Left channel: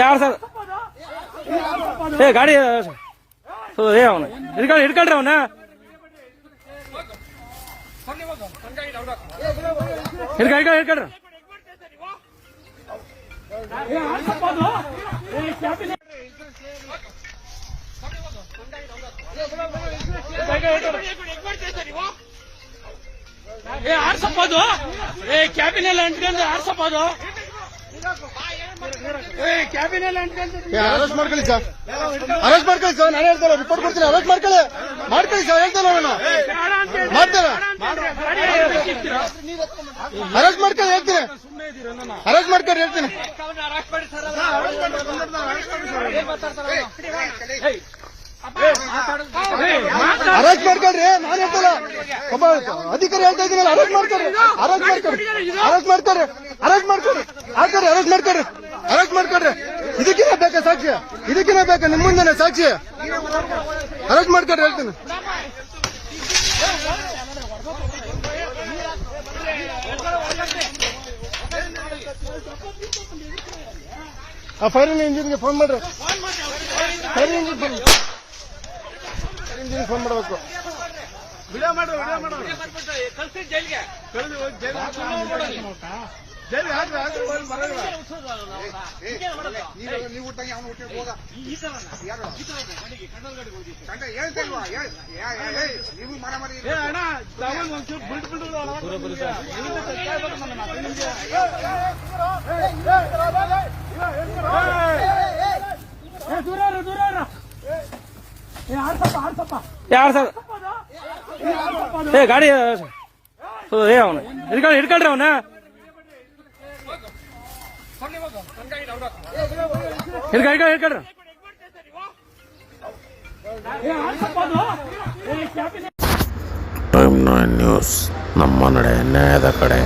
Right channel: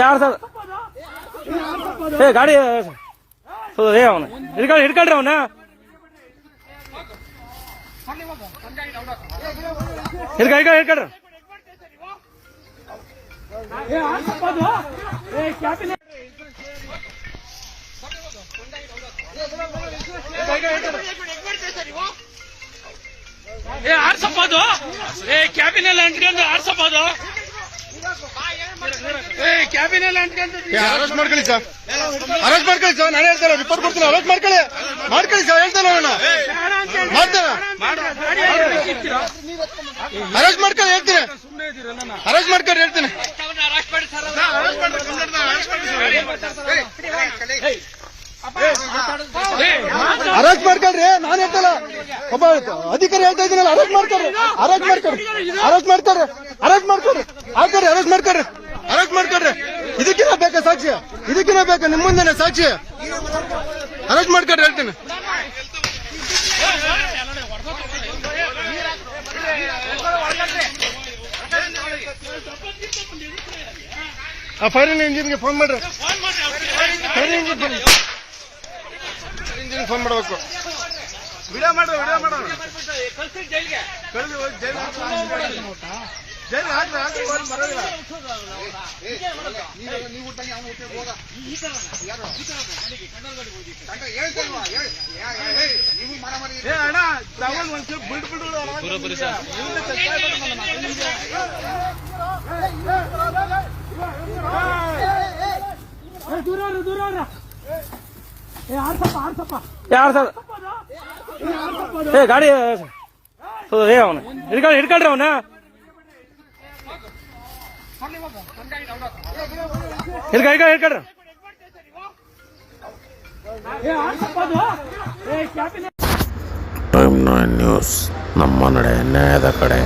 ಯಾರು ಸರ್ ಗಾಡಿ ಅವನು ಹಿಡ್ಕೊಳ್ರಿ ಅವನ ಹಿಡ್ಕೊಳ್ರಿ ಆಡ್ಸಪ್ಪದು ಕ್ಯಾಬಿನೆಲ್ಲ ಅಂಟ್ಕೊಂಡು ಆಡ್ಸಪ್ಪದು ಕ್ಯಾಬಿನೆಲ್ಲ ಅಂಟ್ಕೊಂಡು ಅರೆಸ್ಟ್ ಮಾಡ್ಕೊಳ್ಳಿ ಸರ್, ಅರೆಸ್ಟ್ ಮಾಡ್ಕೊಳ್ಳಿ ಸರ್. ನಾನು ಹೇಳ್ತೇನೆ, ರಿಪೋರ್ಟ್ ಕೊಡ್ತೀನಿ, ಅರೆಸ್ಟ್ ಮಾಡ್ಕೊಳ್ಳಿ ಸರ್. ಹೇಳ್ತೇನೆ ನಾನು ಮಾಡ್ತೇನೆ, ಅರೆಸ್ಟ್ ಮಾಡ್ಕೊಳ್ಳಿ ಹೇಳ್ತೀನಿ, ಅರೆಸ್ಟ್ ಮಾಡ್ಕೊಂಡು ಹೇಳ್ತೀನಿ. ಅರೆಸ್ಟ್ ಮಾಡ್ಕೊಳ್ರಿ, ನಾನು ಹೇಳ್ತಲ್ಲ, ಒಬ್ಬ ಅಧಿಕಾರಿ ಹೇಳ್ತಾ ಇದ್ದೀನಲ್ಲ, ಅರೆಸ್ಟ್ ಮಾಡ್ಕೊಡ್ರಿ, ಅರೆಸ್ಟ್ ಮಾಡ್ಕೊಡ್ರಿ, ಅರೆಸ್ಟ್ ಮಾಡ್ಕೊಡ್ರಿ, ಅರೆಸ್ಟ್ ಮಾಡ್ಕೊಡ್ರಿ, ಹಾಕೊಡ್ರಿ, ಅರೆಸ್ಟ್ ಮಾಡ್ಕೊಡ್ರಿ, ಅರೆಸ್ಟ್ ಮಾಡ್ಕೊಡ್ರಿ. ಇದಕ್ಕಿನ ಬೇಕಾ ಸಾಕ್ಷಿ? ಇದಕ್ಕಿನ ಬೇಕಾ ನಿಮ್ಮ ಮುಂದೆನೆ ಸಾಕ್ಷಿ? ಅರೆಸ್ಟ್ ಮಾಡ್ಕೊಡ್ರಿ ಹೇಳ್ತೀನಿ. ಆ ಫೈರ್ ಇಂಜಿನ್ಗೆ ಫೋನ್ ಮಾಡ್ರಿ, ಫೈರ್ ಇಂಜಿನ್ ಫೋನ್ ಮಾಡಬೇಕು. ವಿಡಿಯೋ ಮಾಡು, ವಿಡಿಯೋ ಮಾಡು, ಜೈಲಿಗೆ ನೀವು ಊಟಕ್ಕೆ ಅವನು ಊಟ ಹೋಗ ಯಾರು ಸರ್ ಗಾಡಿ ಅವನು ಹಿಡ್ಕೊಳ್ರಿ ಅವನ ಹಿಡ್ಕೊಳ್ರಿ. ಟೈಮ್ 9 ನ್ಯೂಸ್, ನಮ್ಮ ನಡೆ ನ್ಯಾಯದ ಕಡೆ.